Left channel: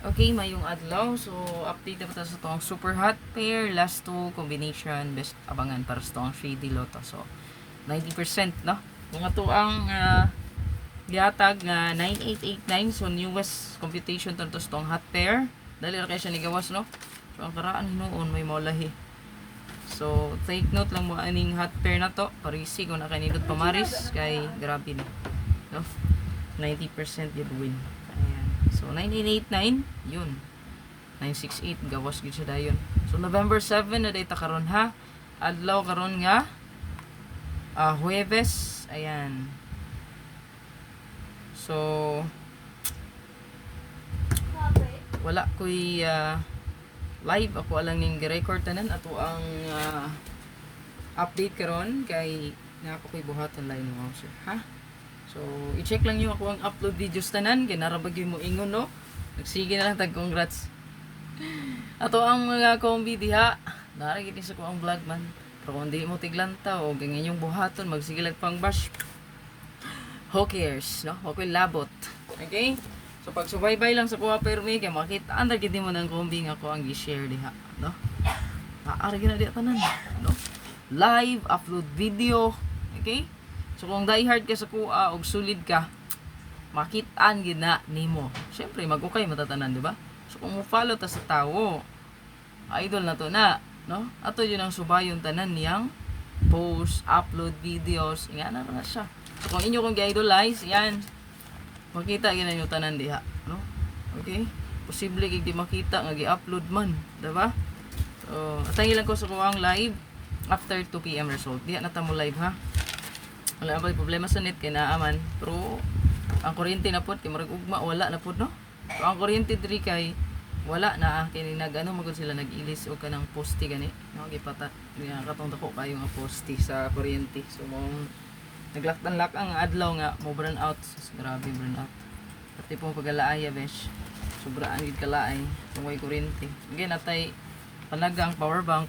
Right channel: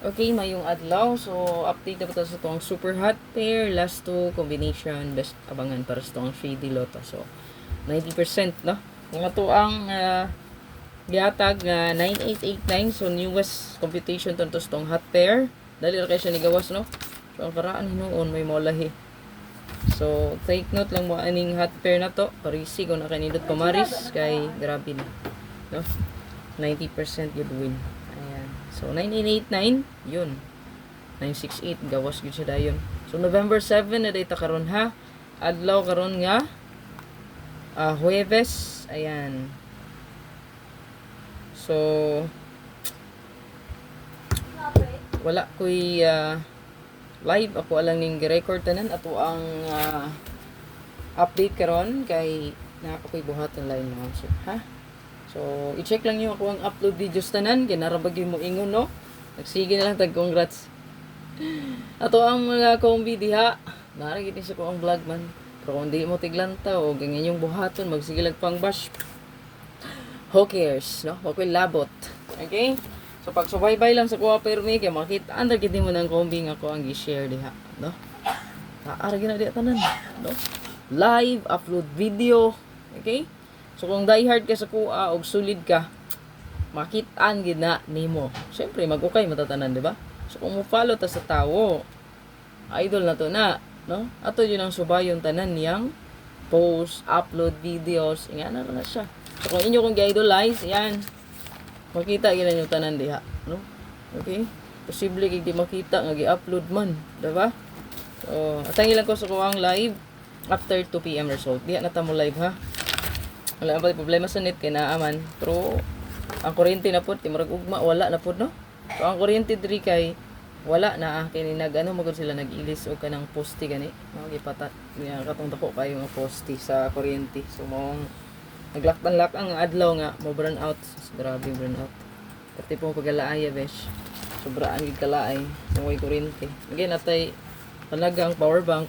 Okay, mayong adlaw. So, update na po sa itong super hot pair. Last two combination. Best abangan para sa itong 3D Lotto. So, 90%, no? Mga to ang gihatag 9889. So, newest computation to sa itong hot pair. Dali kayo siya nigawas, no? So, ang karaan noon may molahi. So, take note lang mo aning hot pair na to. Parisi kung nakanindot pamaris. Kay grabe na. No? 90% good win. Ayan. So, 9889, yun. 968, gawas gud siya dayon. So, November 7 na data karon ha. Adlaw karon nga Huwebes. Ayan. So, wala ko'y live. Ako alang ning record tanan. Ato ang update karon kay na ako ko'y buhaton line mga sir. Ha? So, i-check lang yung ako ang upload videos tanan. Kinarabag yung mo ingon, no? Nagsige na lang tag-congrats. Ato ang mga kombi diha. Naragin sa ko ang vlog man. Pero kung di mo tiglanta o ganyan yung buhaton, magsige lang pang bash. Who cares, no? Okay, labot. Okay? So, pag subaybay lang sa kuha permi, kaya makita, andar gidi mo ng kombi nga ko ang i-share diha, no? Naaragin na diha tanan, no? Live, upload video. Okay? So kung diehard ka sa kuha o sulid ka, makitaan gina nimo. Syempre mag-ukay matatanan, di ba? So kung mo follow ta sa tawo, idol na to na, no? Ato yun ang subayon tanan niyang post, upload videos, nga na siya. So kung inyo kong gi-idolize, yan. Makita gina yung tanan diha, no? Okay? Posible kay di makita nga gi-upload man, di ba? So atangi lang ko sa kuha live after 2 PM result. Diha na ta mo live ha. Wala pa problema sa net kay naaman. Pero ang kuryente na pod kay murag ugma wala na pod, no. So ang kuryente diri kay wala na kay ni nagano magud sila nag-ilis og kanang poste gani. Mga gipata nga katong dako kayo nga poste sa kuryente. So mo naglaktan-lak ang adlaw nga mo burn out. So, grabe burn out. Pati po pagalaaya besh. Sobraan gid kalaay kung way kuryente. Again natay panagang power bank,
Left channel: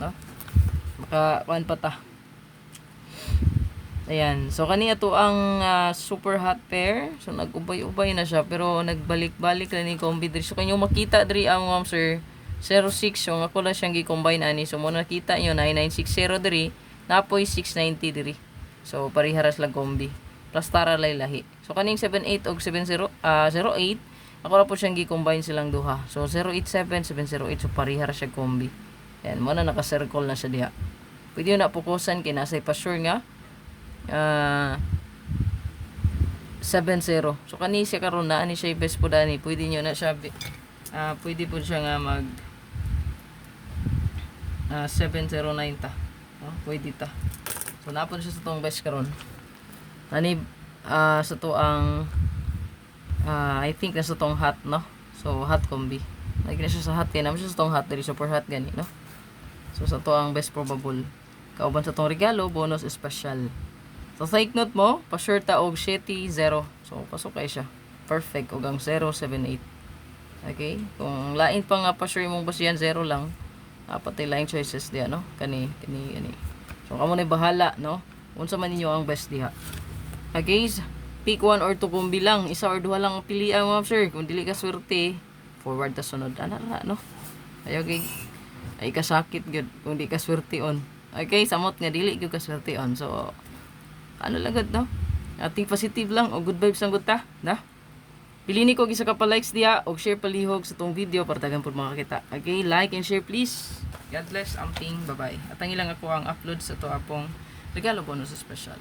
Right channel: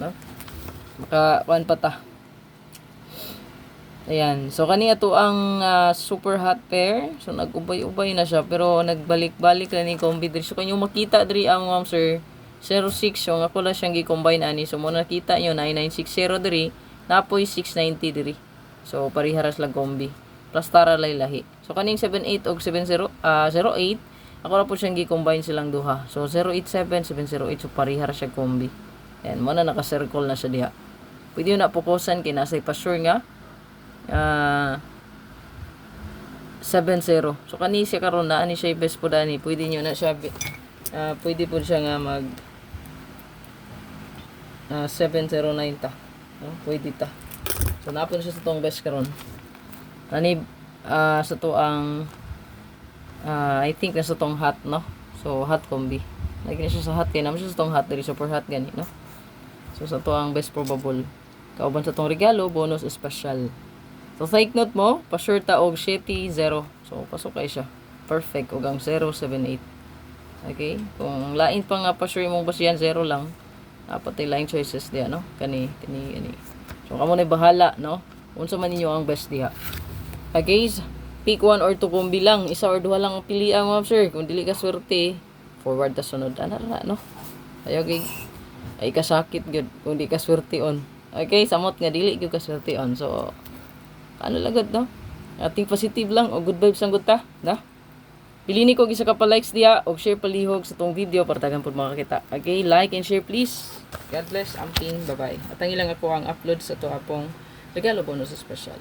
no. Maka kuan pa ta. Ayan. So, kani ato ang super hot pair. So, nag-ubay-ubay na siya. Pero, nagbalik-balik lang ni combi diri. So, kanyo makita diri ang sir 06. So, ako lang siyang gi-combine ani. So, muna nakita nyo 9960 diri. Napoy 690 diri. So, pariharas lang combi. Plus tara lahi. So, kaning 78 o 08. Ako lang po siyang gi-combine silang duha. So, 087, 708. So, pariharas siya combi. Ayan. Muna naka-circle na siya diha. Pwede yun na pukusan. Kinasay pa sure nga. 70. So kani siya karon na ani siya best po dani. Pwede niyo na siya pwede po siya nga mag 709 ta. No? Pwede ta. So napon siya sa tong best karon. Kani sa to ang I think na sa tong hot, no. So hot combi. Lagi na siya sa hot kay naman siya sa tong hot diri super hot gani, no. So sa to ang best probable. Kauban sa tong regalo bonus special. So, take note mo, pa-sure ta og 70. So, pasok kay siya. Perfect. Og ang 078. Okay? Kung lain pa nga pa-sure mong basihan, 0 lang. Dapat ay lain choices diya, no? Kani. So, kamo na bahala, no? Unsa man ninyo ang best diha. Okay, pick 1 or 2 kombi lang. Isa or duha lang ang pilian mo, sir. Kung dili ka swerte, forward ta sunod. Ana ra, no? Ayaw kay ay kasakit gyud kung di ka swerte on. Okay, samot nga dili gyud ka swerte on. So, ano lagad, no? Ating positive lang o good vibes ang guta, na? Pilini ko gisa ka pa likes diya o share palihog sa tong video para tagan pud makakita. Okay, like and share please. God bless, amping, bye-bye. At ang ilang ako ang upload sa to apong regalo bonus special.